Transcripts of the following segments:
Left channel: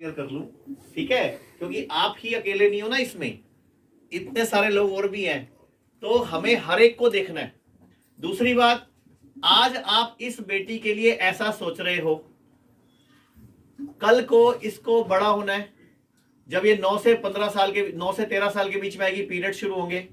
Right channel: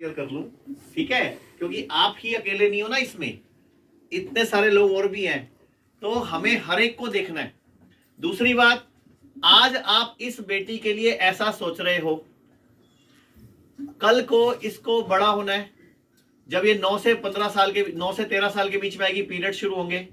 Clear कर लूं, ठीक है, क्योंकि आप ही अकेले नहीं हो ना, इसमें इतने सारे लोग और भी हैं, तो हमें हर एक को देखना है। दूसरी बात, आज आप इस बेटी के लिए ऐसा सोच रहे हो, कल को इसको बड़ा होना है, जब ये 9 से 15 साल के 9 से 13 साल के बीच में आएगी, पीरियड शुरू होंगे,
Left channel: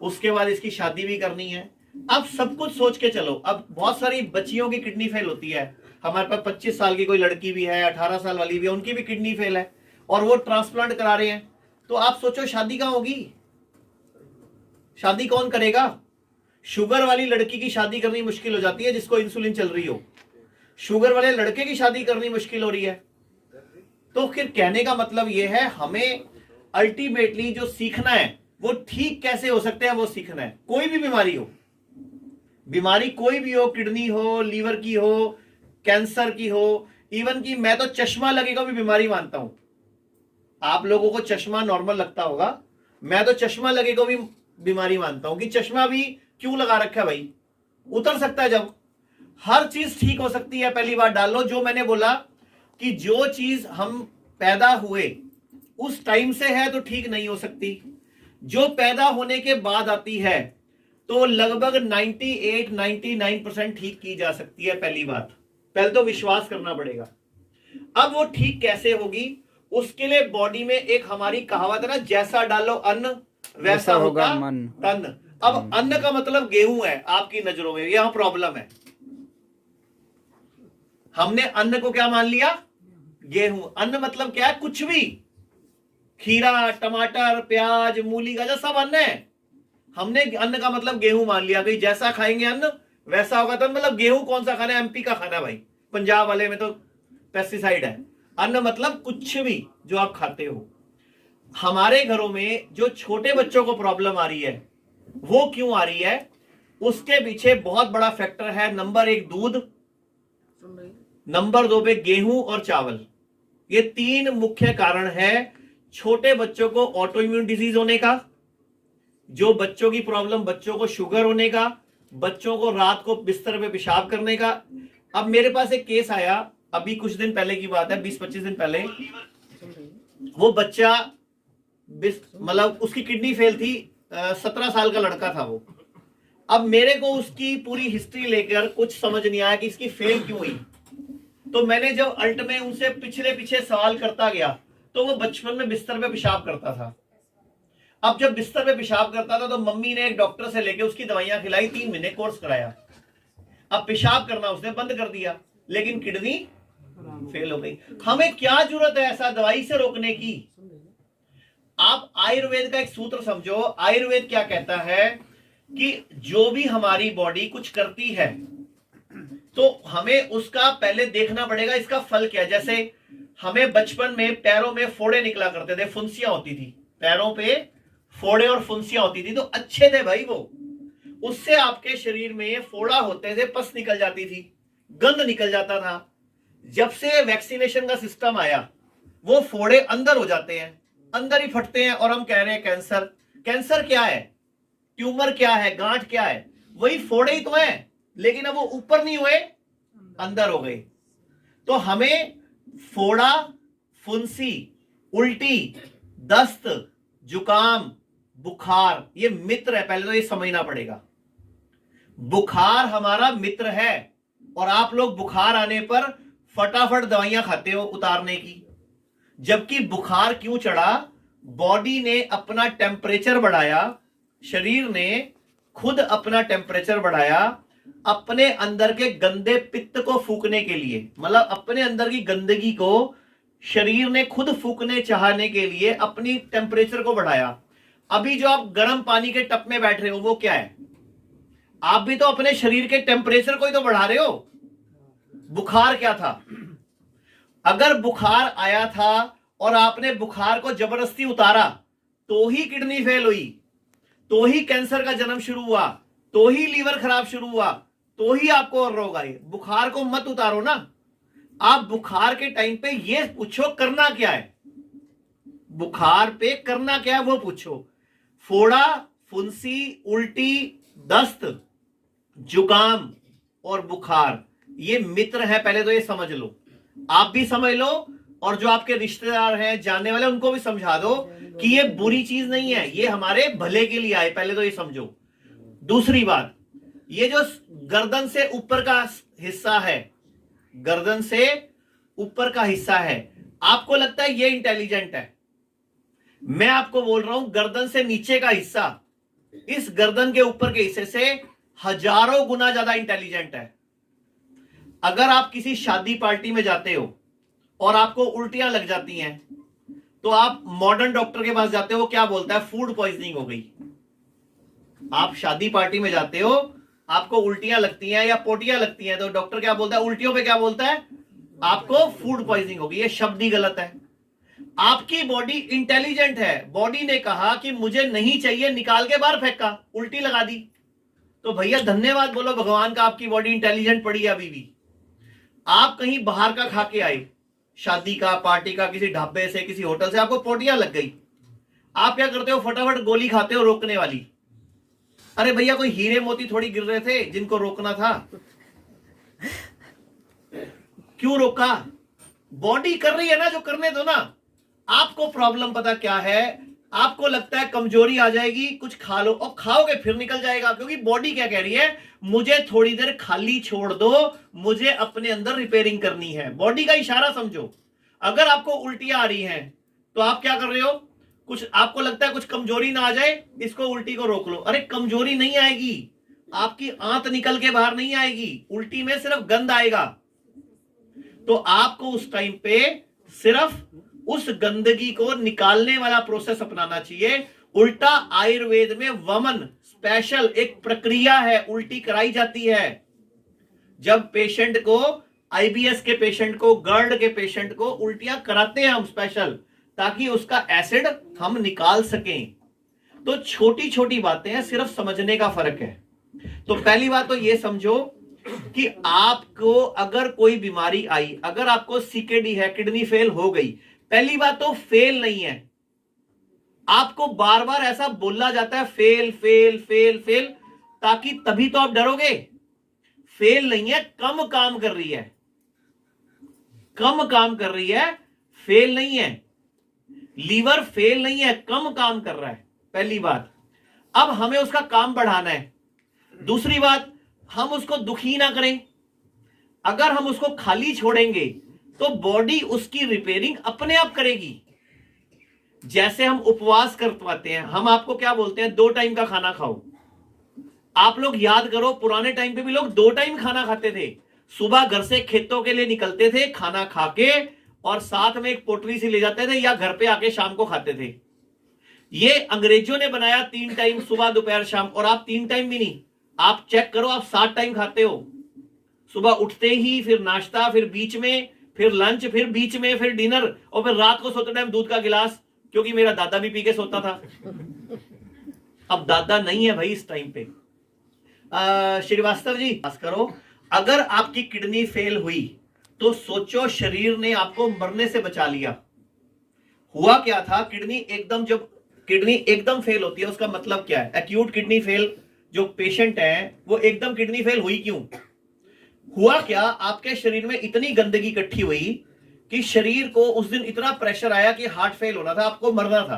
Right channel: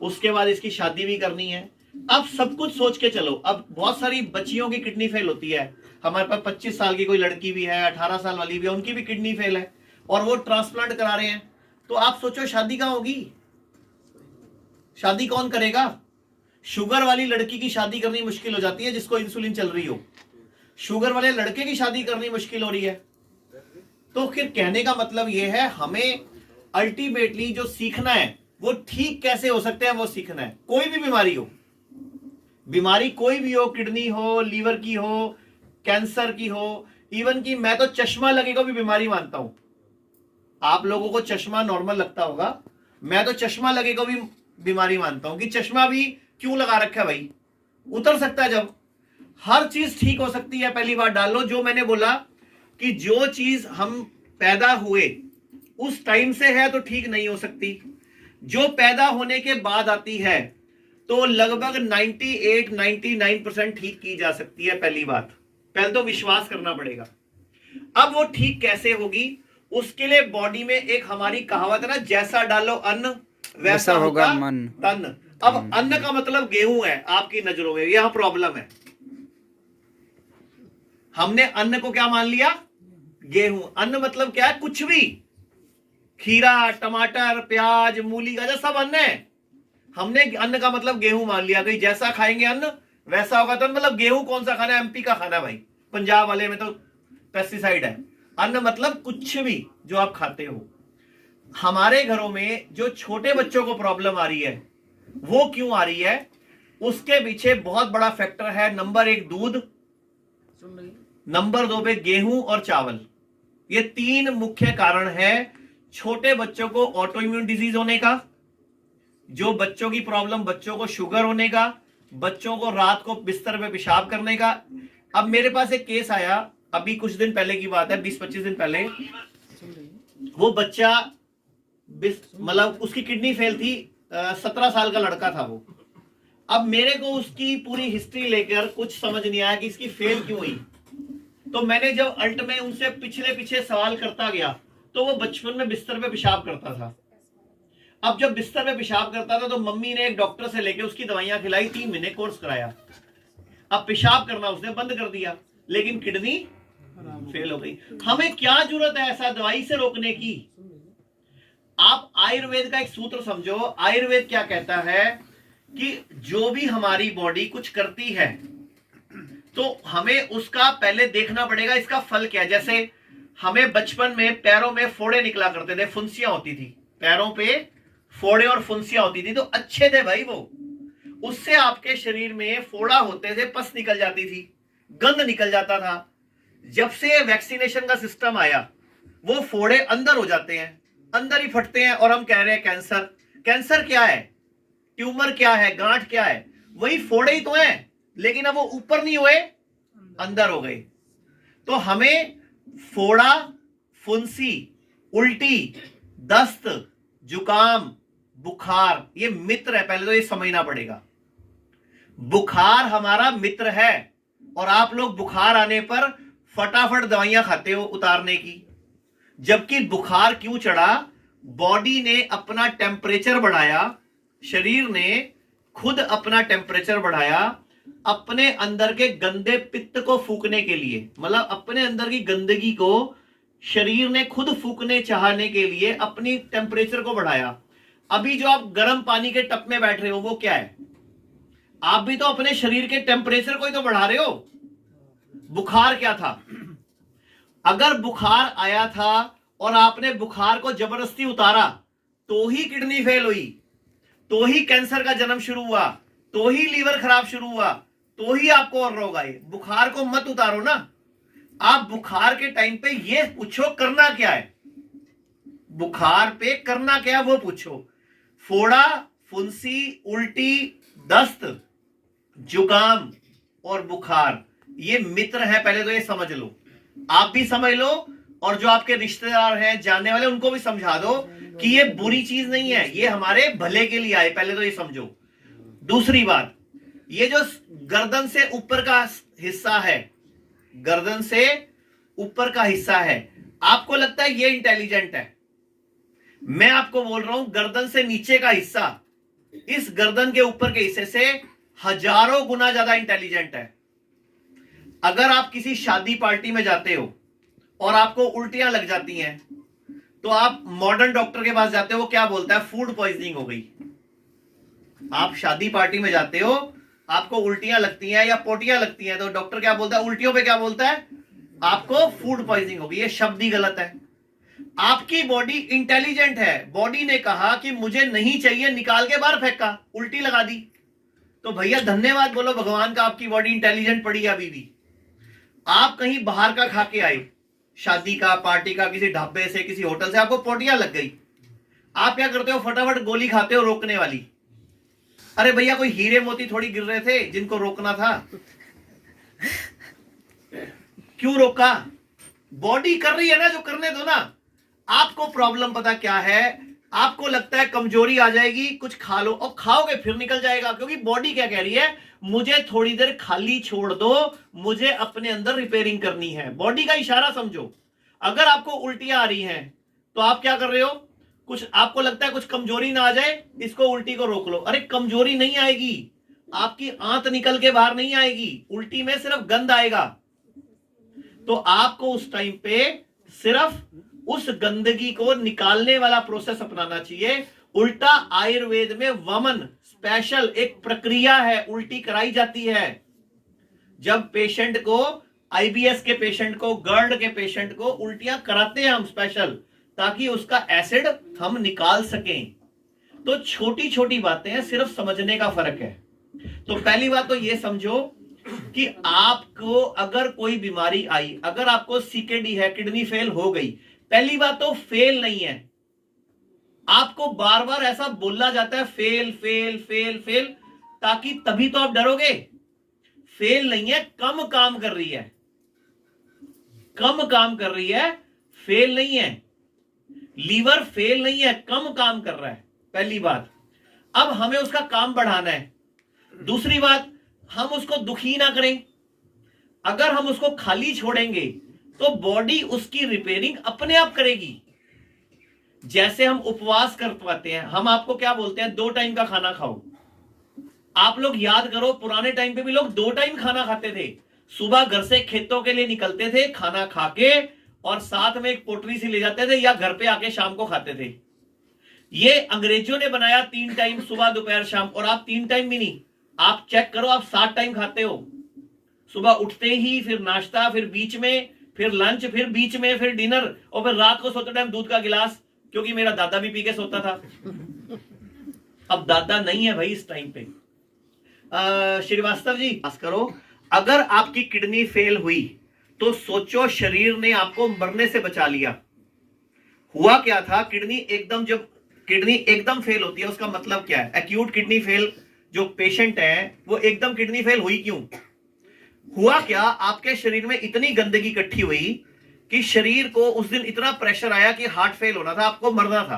उसके बाद इसकी शादी भी करनी है। अब सब कुछ सोच के चलो। अब बहुत सारी बच्चियों की किडनी फेल होती है, हमारे पास 25 साल की कोई लड़की भी है, 18 साल वाली भी है, उनकी भी किडनी फेल है और वो ट्रांसप्लांट करा रहे हैं। तो आप सोचो शादी कहां होगी, शादी कौन करेगा? शुगर वाली लड़की की शादी करनी मुश्किल हो जाती है जिसको इंसुलिन चल रही हो, शुगर वाले लड़के की शादी करनी मुश्किल हो रही है। तो फिर कहने का मतलब यह है, हमें अल्टीमेटली जो सीखना है वो ठीक कैसे हो सकते हैं वो सीखना है। कोई भी बीमारी हो, बीमारी कोई भी हो, किडनी हो, लीवर की हो, कैंसर की हो, इवन की मैं तो चश्मा लगेगा भी बीमारी मानता हूं। आप लोगों को चश्मा नॉर्मल लगता होगा, मैं तो चश्मा लगेगा भी बीमारी मानता हूं कि चश्मा भी क्यों लगा रखा है भाई, उतर सकता है जब। हर चीज ठीक हो सकती है, पहली बात डाल लो। जो मैंने बोला कि जो चीज हम पैदा हुए उस टाइम से है तो ठीक नहीं हो सकती, जो पैदा होने के बाद आती है तो लगभग 98-99% ठीक की जा सकती है। पहली बात, पहले तो विश्वास करना पड़ेगा। अब वो ठीक कैसे होगी, उसके लिए बॉडी में एक हमारी कहावत है ना, जैसा डालो अन्न वैसा होगा मन तन। अब अन्न का मतलब गेहूं है आपकी नजरों में, यह प्रॉब्लम है। हमने अन्न को क्या मान लिया, गेहूं। अन्न मतलब क्या है, कुछ भी, खीरा, टमाटर, प्याज, मूली, गाजर सब अन्न है। हमने अन्न का मतलब गेहूं मान लिया कि जैसा खाएंगे अन्न वैसा होगा। तो मतलब गेहूं कौन सा खाना है, एमपी का खाना है भाई, पंजाब वाले में तो पेस्टिसाइड है। अन्न मतलब कुछ भी जो आप खाते हो। हमारे घरों में जो छोटे बच्चों को प्रॉब्लम आ रही है वो क्यों आ रही है, उसके पीछे बहुत बड़ा फैक्टर है। नंबर 1 दूध, नंबर 2 पे गेहूं और चावल। ये 3 मुख्य कारण है छोटे बच्चों को ऑटो इम्यून डिजीज होने का, जो बच्चों की प्रॉब्लम, बच्चों को शुगर होने का, बच्चों को रात को बिस्तर पे पेशाब करने का। अब मेरे पास एक केस आया, अभी कुछ दिन पहले की बात है, 20-25 दिन पहले। वो बच्चा मतलब उसकी किडनी फेल थी, 17 साल का लड़का था वो। अब मेरे को उसकी पूरी हिस्ट्री लेकर कुछ समझ नहीं आया कि इसकी फेल क्यों हुई। तो मैंने जब अल्ट में उनसे पिछले पीछे सवाल करता गया तो वो बचपन में बिस्तर पे पेशाब करता था। अब जब बिस्तर पे पेशाब करता था तो मम्मी ने एक डॉक्टर से लेके उसकी दवाइयां खिलाई, 3 महीने कोर्स कराया। अब पेशाब करना उसने बंद कर दिया, लेकिन किडनी फेल हो गई। हमें क्या जरूरत है ऐसा दवाई से रोकने की? आप आयुर्वेद का एक सूत्र समझो। आयुर्वेद क्या कहता है कि जो भी हमारी बॉडी कुछ करती है तो हमें उसका पहले देखना पड़ेगा इसका फल क्या है। जैसे हमें बचपन में पैरों में फोड़े निकला करते थे, फुंसियां होती थी, पैरों पे फोड़े और फुंसियां होती थी, तो अच्छे थे भाई वो। उससे आपके शरीर में फोड़ा होते थे, पस निकल जाती थी, गंद निकल जाता था। जब से वैक्सीनेशन का सिस्टम आया वो फोड़े अंदर हो जाते हैं, अंदर ही फटते हैं, और हम कह रहे हैं कैंसर। कैंसर क्या है, ट्यूमर क्या है, गांठ क्या है, वही फोड़े ही तो है, लेकिन अब वो ऊपर नहीं हुए, अंदर हो गए। तो हमें फोड़ा, फुंसी, उल्टी, दस्त, जुकाम, बुखार ये मित्र है, पहले तो ये समझना पड़ेगा। बुखार हमारा मित्र है, और आप लोग बुखार आने पर फटाफट दवाइयां खाते हो उतारने की। जबकि बुखार क्यों चढ़ा, बॉडी ने अपना टेम्परेचर बढ़ाया, शरीर ने खुद अपना टेम्परेचर बढ़ाया अपने अंदर के गंदे पित्त को फूकने के लिए। मतलब अपने अंदर की गंदगी को शरीर ने खुद फूकने चाहने के लिए अपनी टेम्परेचर को बढ़ाया। अभी जो आप गर्म पानी के टप में बैठ रहे हो वो क्या है, आप भी तो अपने शरीर के टेम्परेचर को ही तो बढ़ा रहे हो। बुखार क्या था, अगर बुखार आया था और आपने बुखार को जबरदस्ती उतारा तो ही किडनी फेल हुई, तो ही कैंसर का जन्म शुरू हुआ, तो ही लीवर खराब शुरू हुआ, तो ही आपको और रोग आए। बुखार को मत उतारो ना। आप बुखार के टाइम पे ये पूछो करना क्या है, बुखार पे करना क्या है वो पूछो। फोड़ा, फुंसी, उल्टी, दस्त, जुकाम और बुखार ये मित्र है, पहले तो ये समझ लो, आप भी समझ लो और जो आपके रिश्तेदार हैं, जानने वाले, उनको भी समझा दो कि ये बुरी चीज नहीं है, ये हमारे भले के लिए आए, पहले तो ये समझो। दूसरी बात, ये जो गर्दन से ऊपर का हिस्सा है, गर्दन से ऊपर का हिस्सा है, आपको लगता है ये इंटेलिजेंट है। मैं आपको बोल रहा हूं गर्दन से नीचे का हिस्सा इस गर्दन के ऊपर के हिस्से से हजारों गुना ज्यादा इंटेलिजेंट है। अगर आप किसी शादी पार्टी में जाते हो और आपको उल्टियां लग जाती हैं, तो आप मॉडर्न डॉक्टर के पास जाते हो, वो क्या बोलता है? फूड पॉइजनिंग हो गई। आप शादी पार्टी में जाते हो, आपको उल्टियां लगती हैं या पोटियां लगती हैं, तो डॉक्टर क्या बोलता है? उल्टियों पे क्या बोलता है? आपको फूड पॉइजनिंग होगी। ये शब्द ही गलत है। आपकी बॉडी इंटेलिजेंट है। बॉडी ने कहा कि मुझे नहीं चाहिए, निकाल के बाहर फेंका, उल्टी लगा दी। तो भैया धन्यवाद बोलो भगवान का, आपकी बॉडी इंटेलिजेंट पड़ी है अभी भी। आप कहीं बाहर का खा के आए, शादी का, पार्टी का, किसी ढाबे से, किसी होटल से, आपको पोटियां लग गई। आप क्या करते हो? फटाफट गोली खाते हो रोकने वाली। अरे भैया कोई हीरे मोती थोड़ी गिर रहे थे जिनको रोकना था। क्यों रोका? बॉडी कर रही है ना, जो करने दो ना। आपको प्रॉब्लम पता क्या है? आपको लगता है कमजोरी आ जाएगी, कुछ खा लो, और खाओगे फिर निकल जाएगा, क्योंकि बॉडी क्या कह रही है? मुझे थोड़ी देर खाली छोड़ दो, मुझे अपने अंदर रिपेयरिंग करनी है। बॉडी का इशारा समझो। अगर आपको उल्टियां आ रही हैं, तो आप क्या कर रहे हो? कुछ आपको लगता है कुछ कमजोरी ना आ जाए, इसको उल्टी को रोक लो। अरे कमजोरी नहीं आएगी, आपकी आंत निकल के बाहर नहीं आएगी, उल्टी में सिर्फ गंध आएगा। तो आपको उस टाइम पे सिर्फ उस गंदगी को निकालने वाला प्रोसेस अपनाना चाहिए। उल्टा आयुर्वेद में वमन स्पेशल एक प्रक्रिया है, उल्टी कराई जाती है। जब पेशेंट को, आईबीएस के पेशेंट को, गर्ड के पेशेंट को उल्टियां कराते हैं हम स्पेशल, ताकि उसका एसिड हम निकाल सकें। तो छोटी छोटी बातें हैं, सिर्फ समझने का फर्क है। तो पहली बात तो ये समझो कि आपको अगर कोई बीमारी आई, अगर आपको सीकेडी है, किडनी फेल हो गई, पहली बात तो फेल नहीं है। आपको बार बार ऐसा बोला जाता है फेल फेल फेल फेल, ताकि तभी तो आप डरोगे। फेल नहीं है, कम काम कर रही है, कम काम कर रही है, फेल नहीं है। लीवर फेल नहीं है, कम काम कर रहा है, पहली बात। अब हमें उसका काम बढ़ाना है। दूसरी बात, हम उसको दुखी ना करें। अगर हम उसको खाली छोड़ेंगे तो बॉडी उसकी रिपेयरिंग अपने आप करेगी। जैसे हम उपवास कर पाते हैं, हम आपको क्या बोलते हैं? 2 टाइम का खाना खाओ। आप लोग याद करो, पुराने टाइम पे भी लोग 2 टाइम खाना खाते थे। सुबह घर से खेतों के लिए निकलते थे, खाना खा के, और साथ में एक पोटली सी ले जाते थे, या घर पे आके शाम को खाते थे। ये अंग्रेजों ने बनाया 3 टाइम, सुबह दोपहर शाम। और आप 3 टाइम भी नहीं, आप चेक करो, आप 7 टाइम खाते हो। सुबह उठते ही, फिर नाश्ता, फिर बीच में, फिर लंच, फिर बीच में, फिर डिनर, और फिर रात को सोते टाइम दूध का गिलास, क्योंकि मेरा दादा भी पी के सोता था। अब दादा नहीं है भाई इस टाइम पे। श्रीवास्तव जी, पास करो। अगर आपकी किडनी फेल हुई तो सोचो, शरीर ने आपको मरने से बचा लिया। हुआ क्या था? किडनी एकदम, जब किडनी एकदम फेल होती है, उसका मतलब क्या है? एक्यूट किडनी फेल जो पेशेंट है, वो एकदम किडनी फेल हुई क्यों? हुआ क्या? आपके शरीर में इतनी गंदगी इकट्ठी हुई कि शरीर को उस दिन इतना प्रेशर आया कि हार्ट फेल होना था, आपको मरना था।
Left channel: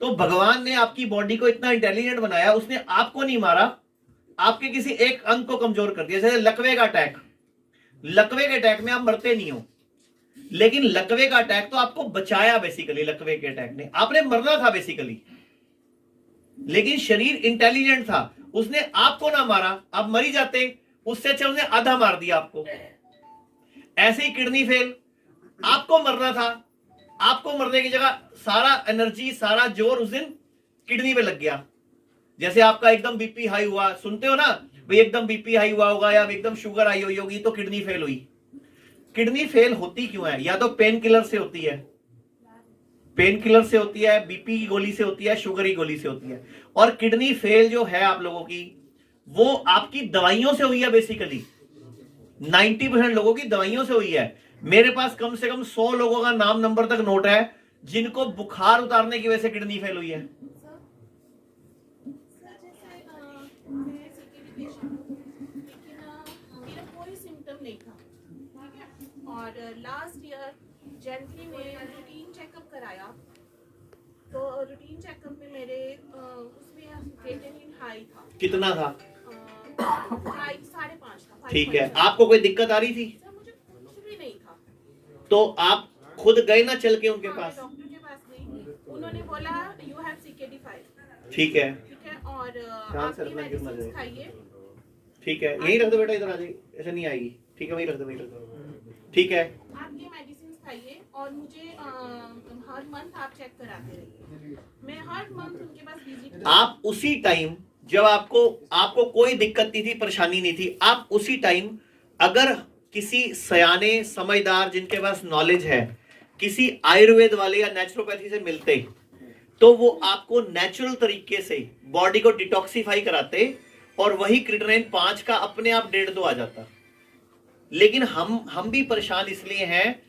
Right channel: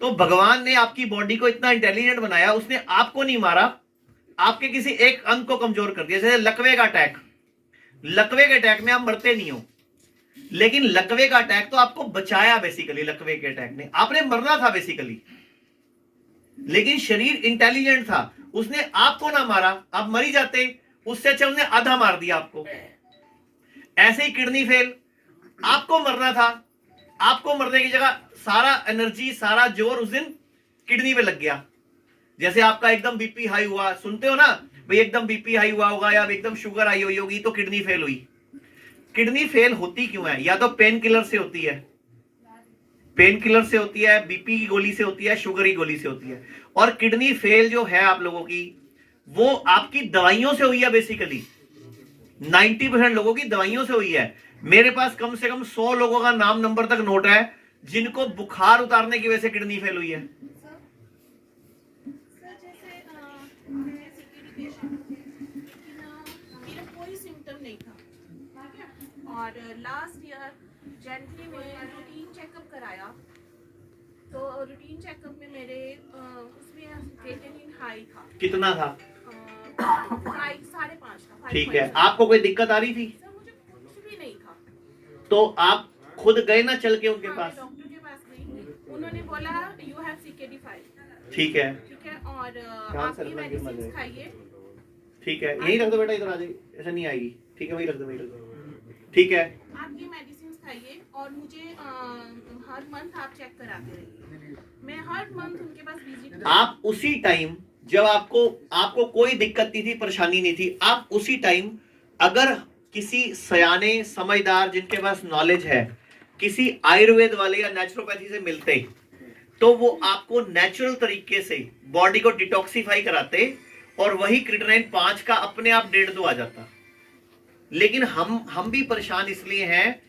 तो भगवान ने आपकी बॉडी को इतना इंटेलिजेंट बनाया, उसने आपको नहीं मारा, आपके किसी एक अंग को कमजोर कर दिया। जैसे लकवे का अटैक, लकवे के अटैक में आप मरते नहीं हो, लेकिन लकवे का अटैक तो आपको बचाया बेसिकली। लकवे के अटैक ने, आपने मरना था बेसिकली, लेकिन शरीर इंटेलिजेंट था, उसने आपको ना मारा, आप मर ही जाते। उससे अच्छा उसने आधा मार दिया आपको। ऐसे ही किडनी फेल, आपको मरना था, आपको मरने की जगह सारा एनर्जी, सारा जोर उस दिन किडनी पे लग गया। जैसे आपका एकदम बीपी हाई हुआ, सुनते हो ना भाई, एकदम बीपी हाई हुआ होगा, या एकदम शुगर हाई हुई होगी, तो किडनी फेल हुई। किडनी फेल होती क्यों है? या तो पेन किलर से होती है, पेन किलर से होती है, बीपी की गोली से होती है, शुगर की गोली से होती है। और किडनी फेल जो है आप लोगों की, वो आपकी दवाइयों से हुई है बेसिकली। 90% लोगों की दवाइयों से हुई है। मेरे पास कम से कम 100 लोगों का नाम नंबर तक नोट है जिनको बुखार उतारने की वजह से किडनी फेल हुई है। और लास्ट ईयर जनवरी में रूटीन चेकअप कराया, तो रूटीन चेकअप में मेरे उसमें क्रिएटिनिन हाई था। कितना था? 5.5 था। ठीक है, आपको कोई दिक्कत आ रही थी? सर मुझे कुछ भी नहीं था। तो आप खुद गए ना चल के उनके पास? डॉक्टर के पास गई, उन्होंने बोला यू हैव CKD5। ठीक है, और आप ये मेडिसिन खाइए। ठीक है, यही रख दो बेटा, इधर आ जाइए, ऐसे नहीं आएगी। ठीक है, वही रख दो, वही रख दो। ठीक है, आप ये मेडिसिन खाइए और मुझे हर मंथ आप चेक कराते रहिए। मैं हर मंथ उनके पास विजिट। आप उसी टाइम जब आपको कोई दिक्कत नहीं थी, परेशानी नहीं थी, आप उसी टाइम अगर किसी सयाने समझदार जिनके पास नॉलेज है, किसी आयुर्वेद वाले या नेचुरोपैथी से मिलते, तो वो आपको नेचुरल तरीके से बॉडी को डिटॉक्सिफाई कराते और वही क्रिएटिनिन 5 का अपने आप 1.5-2 आ जाता। लेकिन हम भी परेशान इसलिए हैं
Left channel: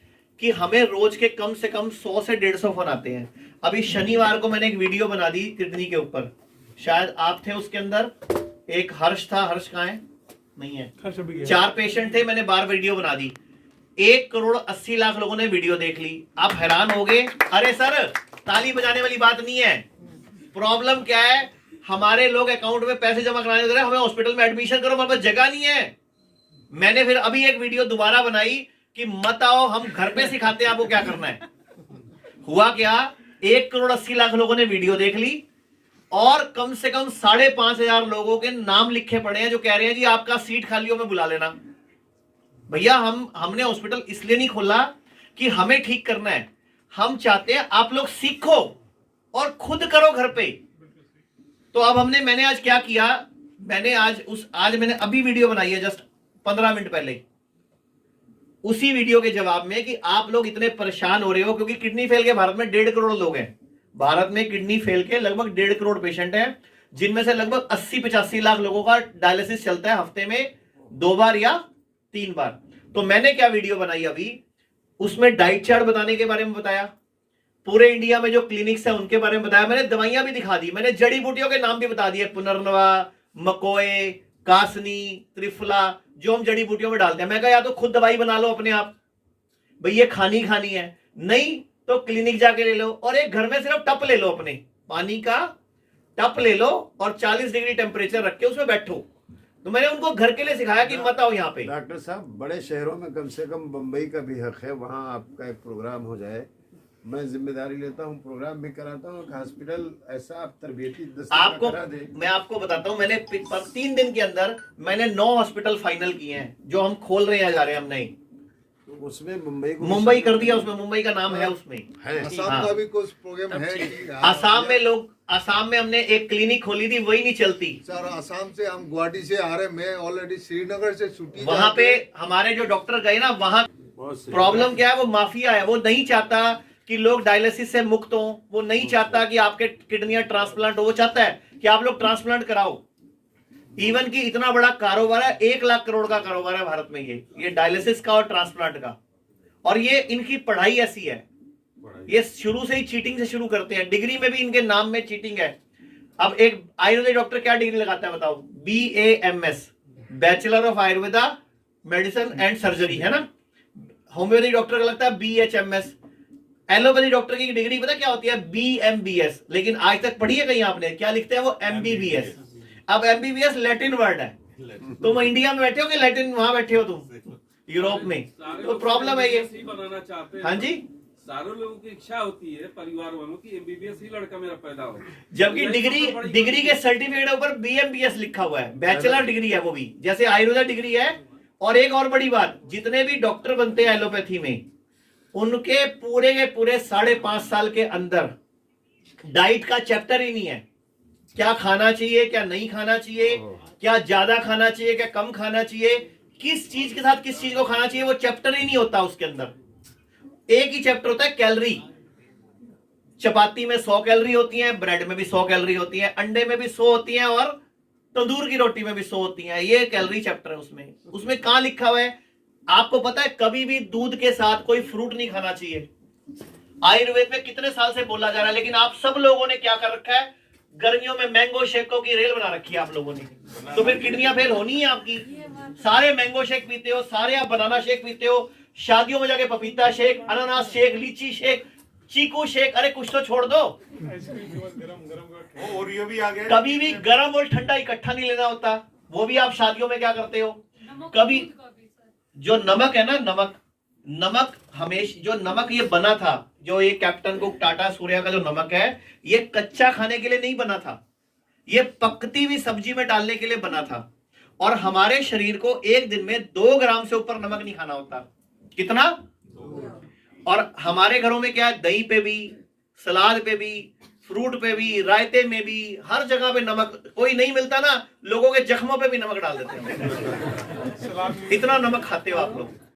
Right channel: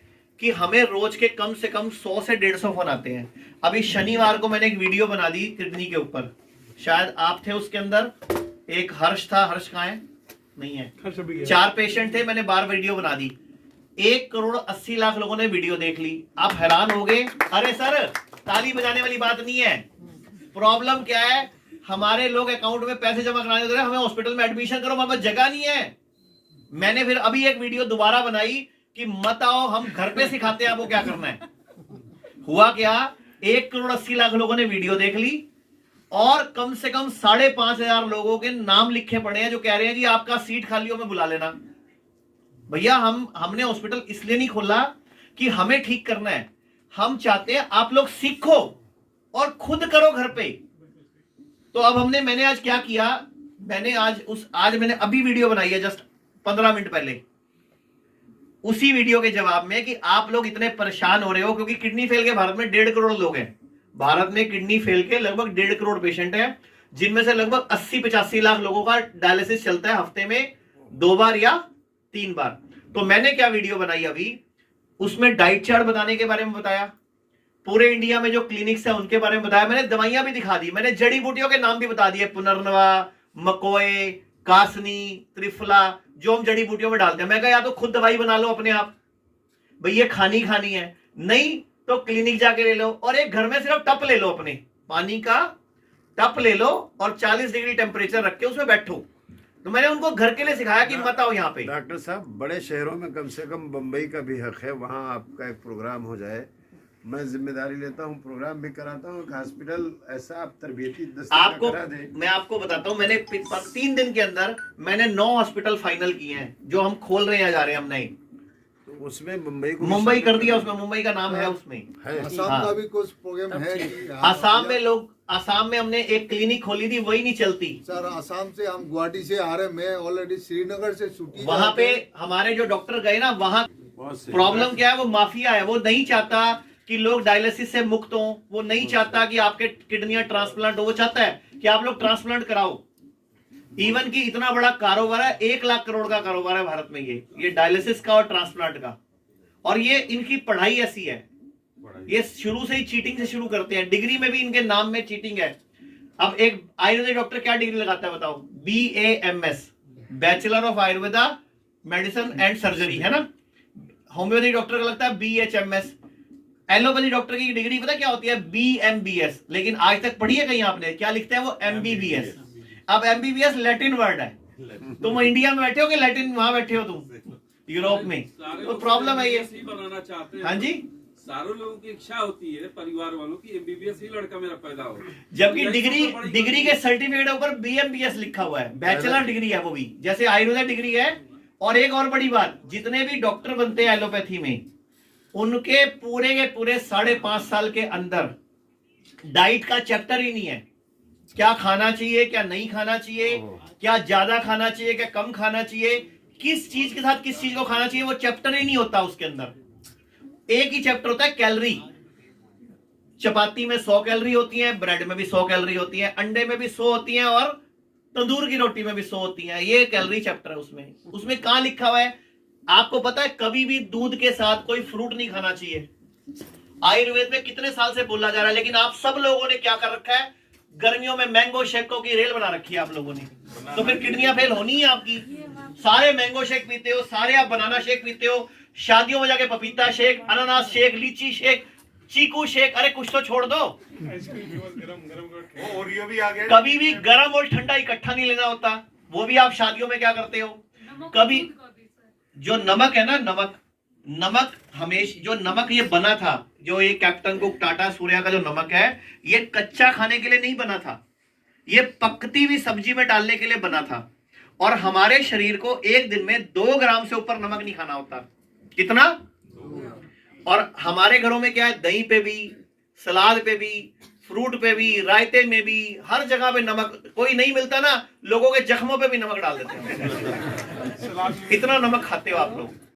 कि हमें रोज के कम से कम 100 से 150 फोन आते हैं। अभी शनिवार को मैंने एक वीडियो बना दी किडनी के ऊपर, शायद आप थे उसके अंदर। एक हर्ष था, हर्ष कहाँ है? नहीं है। 4 पेशेंट थे, मैंने 12 वीडियो बना दी। 1,80,00,000 लोगों ने वीडियो देख ली। आप हैरान हो गए। अरे सर, ताली बजाने वाली बात नहीं है। प्रॉब्लम क्या है, हमारे लोग अकाउंट में पैसे जमा कराने दे रहे हैं, हमें हॉस्पिटल में एडमिशन करो, हमारे पास जगह नहीं है। मैंने फिर अभी एक वीडियो दोबारा बनाई कि मत आओ, हम घर पे सिखाते हैं आपको क्या करना है। हुआ क्या, 1,80,00,000 लोगों ने वीडियो देख ली और कम से कम 5,500 लोगों के नाम लिखे पड़े हैं जो कह रहे हैं जी आपका सीट खाली हो, में बुला लेना। भैया हमने हॉस्पिटल इसलिए नहीं खोला कि हमें ठीक करना है, हम चाहते हैं आप लोग सीखो और खुद करो घर पे। तो अब मैंने आज क्या किया, आज मैंने अभी वीडियो बनाई है जस्ट 15 मिनट पहले, उसी वीडियो के जवाब में कि आप लोग इतने परेशान हो रहे हो क्योंकि किडनी फेल के भारत में 1.5 करोड़ लोग हैं। भारत में किडनी फेल के लगभग 1.5 करोड़ पेशेंट हैं, जिनमें से लगभग 80-85 लाख लोगों का डायलिसिस चलता है हफ्ते में 2 बार या 3 बार। तो मैंने क्या वीडियो बनाई अभी, उसमें डाइट चार्ट बताने के बारे में बताया, पूरे इंडिया में जो क्लिनिक्स है उनके बारे में बताया, मैंने दवाइयां भी दिखा दी, मैंने जड़ी बूटियों के नाम भी बता दिए, पुनर्नवा, मकोए, कासनी, त्रिफला, जो हम जड़ी बूटियों में डालते हैं। मैं कहा या तो खुद दवाई बना लो अपने आप, भाई ये खानी है, नहीं तो क्लिनिक जाके ले लो, और एक घर में सिर्फ टप ले लो, अपने पानी का टप ले लो और 40 डिग्री टेम्परेचर रख के उसमें बैठो। तो मैंने उनको घर के लिए सिखाया कि मत आओ यहाँ पे। डॉक्टर साहब, बड़े शहरों में कम से कम बम्बई का भी हक है, वहाँ आपका एक प्रोग्राम हो जाए, मैं जिम्मेदारी लेता हूँ, प्रोग्राम भी कराता हूँ, हॉस्पिटल ऐसा आप तरबियती आपको करा दें। मैं आपको बताता हूँ, मैंने 3 दिन के अंदर मैंने 9 हॉस्पिटल फाइनल किए हैं जो हम खोल रहे हैं, जा रहे हैं हम नहीं। उसमें मुंबई कर दिया, उसमें मुंबई का नाम है, उसमें असम का भी कुछ प्रोग्राम है। आसाम में हमने एक क्लिनिक खोली थी, वही नहीं चलती सर। आसाम से हम गुवाहाटी से आ रहे, मैं ऑलरेडी श्रीनगर से छुट्टी, वहां पे हमारे जो डॉक्टर गए ना, वहां प्रॉब्लम क्या है, वो माफिया है, वो नहीं चाहता कि लोग डायलिसिस से मुक्त हो, वो नहीं चाहता कि आपके किडनियां ट्रांसप्लांट हो, वो चाहता है कि आप लोग ट्रांसप्लांट कराओ। इवन की इतना बड़ा कारोबार है, 1 लाख करोड़ का कारोबार है भारत में ये डायलिसिस का और ट्रांसप्लांट का। और ये इनकी पढ़ाई ऐसी है, ये शुरू से ही चीटिंग से शुरू करते हैं, डिग्री में भी इनके नाम में चीटिंग है। अब एक आयुर्वेदिक डॉक्टर क्या डिग्री लगाता है बताओ? BAMS, bachelor of Ayurveda medicine and surgery, है ना। होम्योपैथिक डॉक्टर का लगता है BHMS। एलोपैथी डॉक्टर की डिग्री पता क्या होती है? BMBS। लेकिन आज तक पढ़ी है कहीं आपने? क्या लिखते हैं वो? MBBS। अब MBBS लैटिन वर्ड है, तुम इंडिया में बैठे हो कि लैटिन वहां बैठे हो तुम यूरोप में? तो प्रॉब्लम है ये बनाना चाहते हैं। हाँ जी, सारे लोगों की इच्छा होती है, परिवार वालों की, MBBS ही लड़का मेरा पैदा हो, जबकि डिग्री के सर्टिफिकेट ऊपर BMBS लिखा हुआ है, बैचलर डिग्री है वो भी, जैसे आयुर्वेदा डिग्री है। और एक और बड़ी बात, जितने भी डॉक्टर बनते हैं एलोपैथी में, उनके पूरे के पूरे 5.5 साल के अंदर डाइट का चैप्टर ही नहीं है। क्या खाना चाहिए, क्या नहीं खाना चाहिए, क्या ज्यादा खाना चाहिए, क्या कम खाना चाहिए, किस चीज के साथ किस चीज को खाना चाहिए, वो चैप्टर ही नहीं होता उसके अंदर। एक ही चैप्टर होता है कैलोरी। चपाती में 100 कैलोरी होती है, ब्रेड में भी 100 कैलोरी होती है, अंडे में भी 100 होती है, और तंदूर की रोटी में भी 100 होती है। ये कैलोरी चैप्टर है उसमें कहां लिखा हुआ है? आपको पता है कभी भी दूध के साथ कोई फ्रूट नहीं खाना चाहिए। आयुर्वेद में कितने साल से बोला जा रहा है, लेकिन आप सब लोगों ने क्या कर रखा है? गर्मियों में मैंगो शेकों की रेल बना रखी है आप लोगों ने। तो फिर किडनियां फेल होनी है आपकी। सारे मैंगो शेक पीते हो, सारे आप बनाना शेक पीते हो, शादियों में जाके पपीता शेक, अनानास शेक, लीची शेक, चीकू शेक, अरे कुछ तो छोड़ दो। ओरियो भी आ गया। कभी भी गर्म और ठंडा इकट्ठा नहीं लेना होता। वो भी आप शादियों में क्या करते हो, कभी जो नमक है ना, नमक हमेशा जो नमक ये बना था, जो ये कैप्टन कुक टाटा सूर्या का जो नमक है, ये कच्चा खाने के लिए नहीं बना था, ये पकती हुई सब्जी में डालने के लिए बना था। और हमारे शरीर को एक दिन में 2 ग्राम से ऊपर नमक नहीं खाना होता। कितना? और हमारे घरों में क्या है, दही पे भी, सलाद पे भी, फ्रूट पे भी, रायते में भी, हर जगह पे नमक। कोई नहीं मिलता ना, लोगों के जख्मों पे भी नमक डाल देते हैं। इतना नमक खाते हो आप लोग।